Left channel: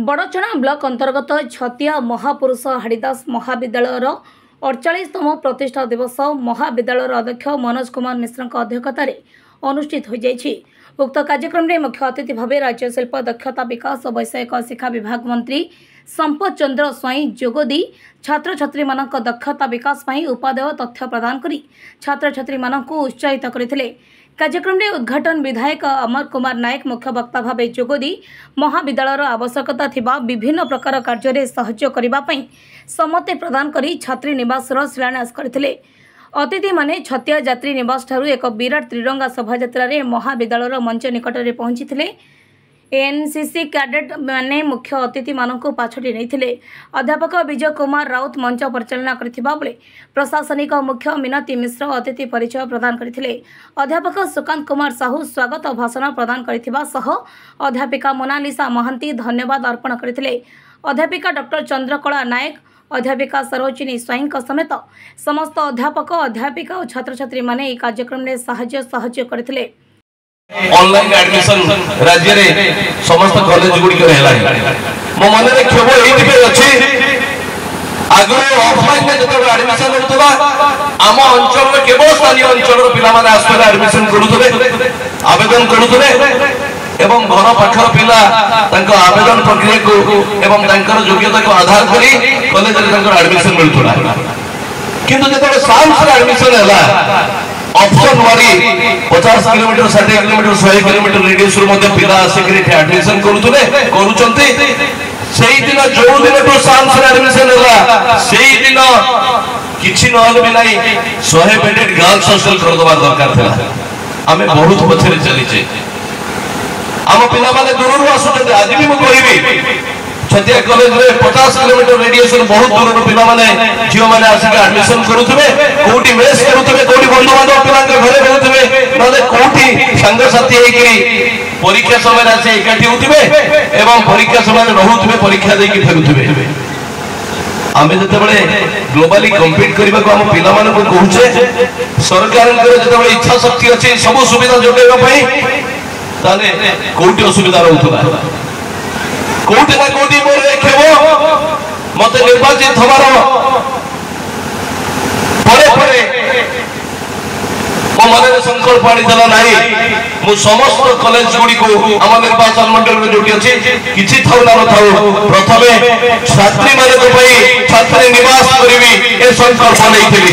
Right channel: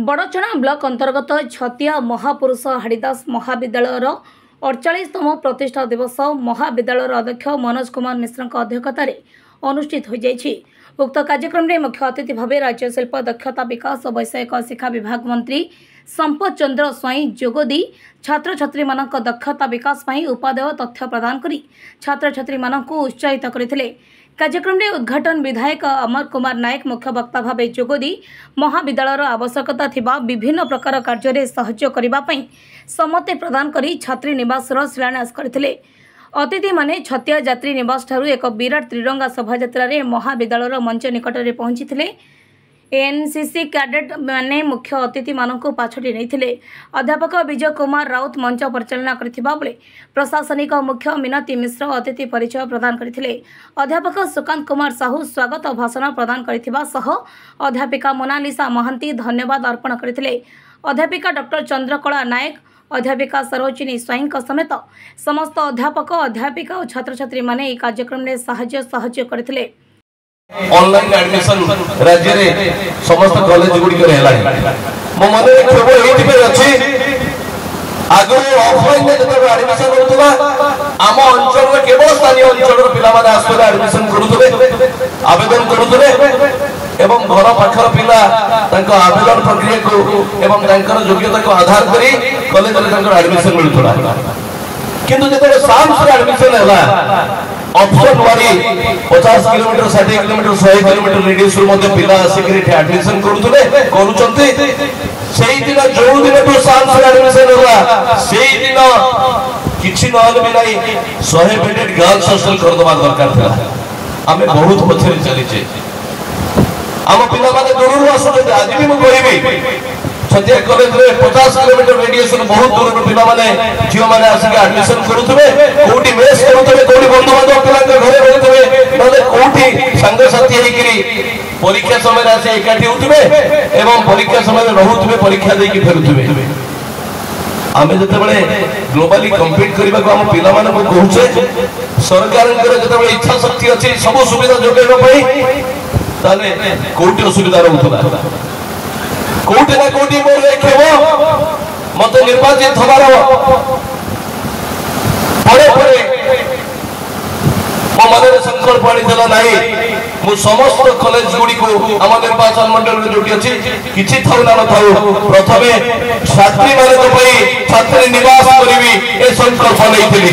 बड़चना block अंतर्गत छतिया महापुरुष हाड़ीदास महाविद्यालयर 48तम प्रतिष्ठा दिवस महाविद्यालयर अध्यक्ष मनोज कुमार मिश्र अध्यक्षतार अनुष्ठित हो जाइछि। उक्त कार्यक्रम में मुख्य अतिथि भाव राज्य शिल्प दक्षता विकास और वैषयिक शिक्षा विभाग मंत्री संपत चंद्र स्वाई जोगदी छात्र छात्री मानक दक्षता विकास पर उपादेय तथ्य प्रदान करी छात्र छात्री मानक उत्साहित करथिले। कार्यक्रम में उद्घाटन विधायक अमर कुमार नायक मुख्य वक्ता भाव जोगदी महाविद्यालयर आवश्यकता थिबा विभिन्न प्रकार कार्य सहयोग करने सम्मति प्रदान करी छात्री निवास शिलान्यास करथिले। अतिथि माने छतिया यात्री निवास ठारू एक विराट त्रिरंगा शोभायात्रा महाविद्यालयर मंच निकट में पहुंची थे। एनसीसी कैडेट माने मुख्य अतिथि मानक पाछटी नहीं। अध्यापक विजय कुमार राउत मंच परिचालना करथिबा बेले प्रशासनिक मुख्य मिनती मिश्र अतिथि परिचय प्रदान करथिले। अध्यापक सुकांत कुमार साहू स्वागत भाषण प्रदान करथिबा सह अध्यापिका मोनालिसा महांती धन्यवाद अर्पण करथिले। अध्यापिका डॉक्टर चंद्रकला नायक अध्यापिका सरोजिनी स्वाई समेत समस्त अध्यापक अध्यापिका और छात्र छात्री माने कार्यक्रम में सहयोग करथिले। ऑनलाइन एडमिशन राज्य रे समस्त कॉलेज गुडी के रहला मो मन रे केवल एति पे अछि आगो ऑफलाइन में जब एडमिशन होतबा आम अंचल रे केवल स्थानीय अंचल रो पिला माने आस्ते एडमिशन करूतले आवेदन करूतले एवं घर पाखर पिला तांको आवेदन प्रक्रिया को एवं तांकर योग्यता को आधार करी कॉलेज रे तांको एडमिशन मिलतुला। किंतु जब साइंस रे एडमिशन हैला ऑप्शन मारी 50 किलोमीटर 60 किलोमीटर 100 किलोमीटर रेडियस रो पिला सिक्रेट एडमिशन करूचंती सेही दिन जो दिन तो साइंस रे एडमिशन हैला सेही दिन किछि नहल भी नाही 100 बेडेड गर्ल्स हॉस्टल कर दबा दरकार था। हमें बहुत पछरे चली छे हम पिला माने दूर आसुते आज भी मु करिबी छतिया कॉलेज रे 50 किलोमीटर रेडियस रो बहुत दूर रो पिला माने जियो माने आसी एडमिशन करूथबे कोठी मेस करूथबे कोठी बंधु बांधव पिला के घरे रहथबे माने कोठी संग साथी हेकरी परीक्षा समय आसी एकाठी होथबे एवं परीक्षा समय रहउथबे परीक्षा दे के फेरुथबे। आमे जते बळे ग्लोबली कम्पीट करबा को हम पिला माने को कहूचे सरकार के जते बळे इच्छा शक्ति अछि सब सुविधा जोटेबा पई ताले कोठी असुविधा रहउथबा कोटी ना कोटी मोर देखबो मते निर्वाचित हमारो परे मो मनरे संकल्प आनी देला नाही मु समस्त कॉलेज गुडी को हम निर्वाचन मंडल रे जोटी अछि किछि थाउ ना थाउ प्रथमे छात्री माने को पई छात्री निवास करबी ए संकल्प लेइथिली।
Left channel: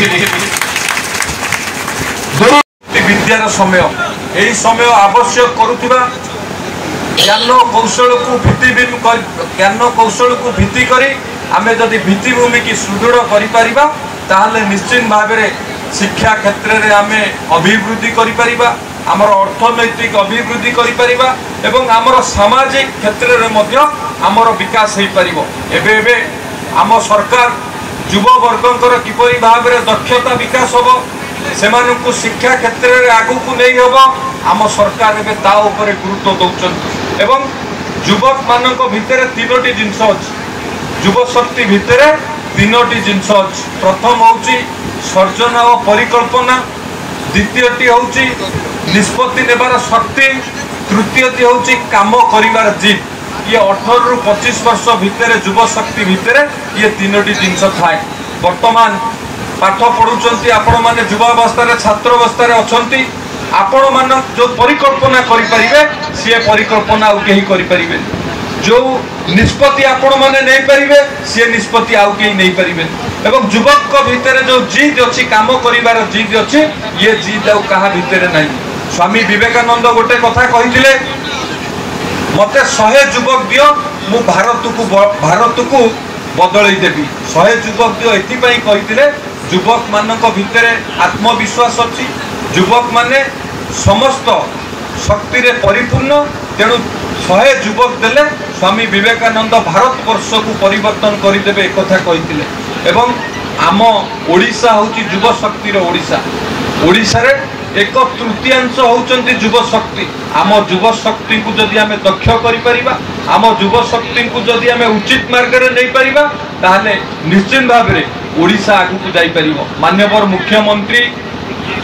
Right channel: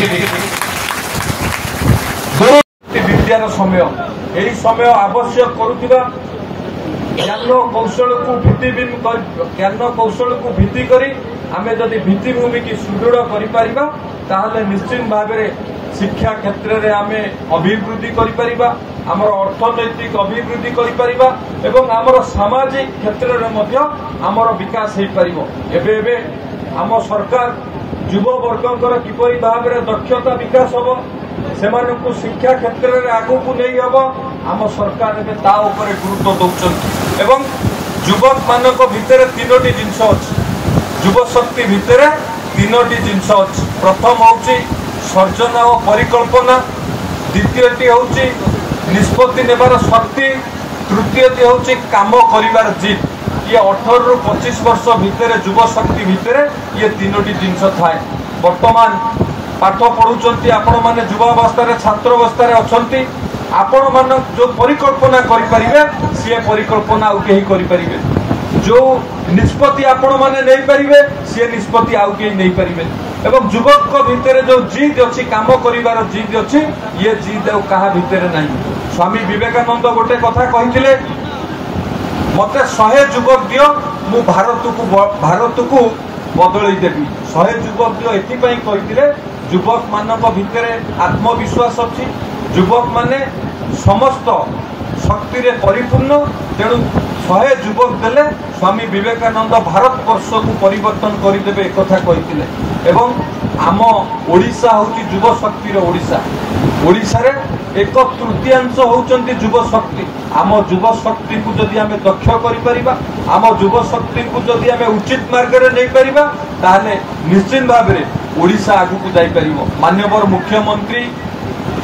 विद्यार समय एही समय आवश्यक करूथिबा ज्ञान कौशल को भित्ति करी आमे जदि भित्तिभूमि की सुदृढ़ करिपारिबा ताहले निश्चित भाव में शिक्षा क्षेत्र में आमे अभिवृद्धि करिपारिबा आमर अर्थनैतिक अभिवृद्धि करिपारिबा एवं आमर सामाजिक क्षेत्र में मध्य आमर विकास हो पारिबो। एबे आम सरकार युवा वर्गंकर किपरि भाव में दक्षता विकास होबो सेमानकु शिक्षा क्षेत्र में आगु को नहीं होबो आम सरकार एबे ता ऊपर गुरुत्व दउछन एवं युवक मानक भितर तीनोटी जिनस अछि युव शक्ति भितर तीनोटी जिनस अछि। प्रथम होउची सर्जन और परिकल्पना द्वितीयटी होउची निष्पत्ति नेबार शक्ति तृतीयटी होउची काम करिवार जिद। ये 18 रु 25 वर्ष भितर युव शक्ति भितर ये तीनोटी जिनस थाए। वर्तमान पाठ पढुचंती आपण माने युवावस्था छात्र अवस्था अछंती आपण मान जो परिकल्पना करिपारिबे सी परिकल्पना आउ केही करिपारिबे जो निष्पत्ति आपण माने नै परिबे सी निष्पत्ति आउ केही नै परिबे एवं युवक को भीतर जो जिद अछि काम करिवार जिद अछि ये जिद आउ कहा भीतर नै। स्वामी विवेकानंद गोटे कथा कहिथिले मते 100 युवक दियो मु भारत को बदलै देबी 100 युवक दियो एति पई कहिथिले युवक मानक भितर आत्मविश्वास अछि युवक माने समस्त शक्ति रे परिपूर्ण तेणु 100 युवक देले स्वामी विवेकानंद भारत वर्ष को परिवर्तन करदेवे एक कथा कहिथिले। एवं आम ओडिशा होची युव शक्ति रे ओडिशा रे 1/3 होचंती युव शक्ति। आम युव शक्ति को जदि आमे दक्ष करि परिबा आम युव शक्ति को जदि आमे उचित मार्ग रे नै परिबा ताहले निश्चित भाव रे ओडिशा आगु को जाई परिबो। माननीय मुख्यमंत्री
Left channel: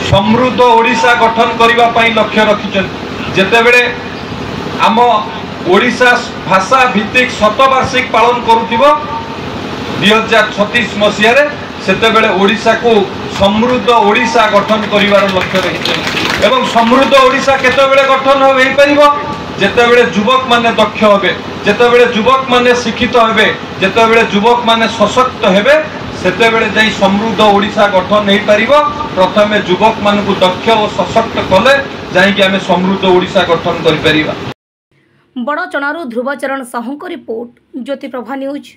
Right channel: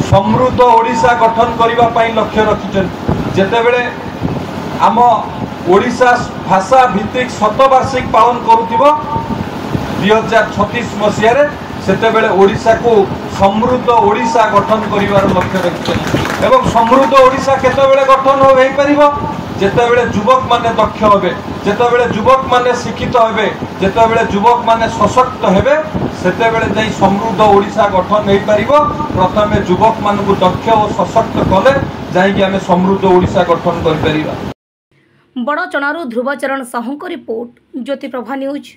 समृद्ध ओडिशा गठन करने लक्ष्य रखिछन जेते बेले आम ओडिशा भाषा भित्तिक शतवार्षिक पालन करुथिबो 2036 मसीह सेतेबेले ओडिशा को समृद्ध ओडिशा गठन करिवार लक्ष्य रखिछे एवं समृद्ध ओडिशा केतेबेले गठन होई परिबो जेतेबेले युवक माने दक्ष हेबे जेतेबेले युवक माने शिक्षित हेबे जेतेबेले युवक माने सशक्त हेबे सेतेबेले जाई समृद्ध ओडिशा गठन हेई परिबो प्रथमे युवक मानकु दक्ष और सशक्त कले जाई कि आमे समृद्ध ओडिशा गठन करि परिबा। बड़चणारू ध्रुवचरण साहू रिपोर्ट ज्योति प्रभा न्यूज।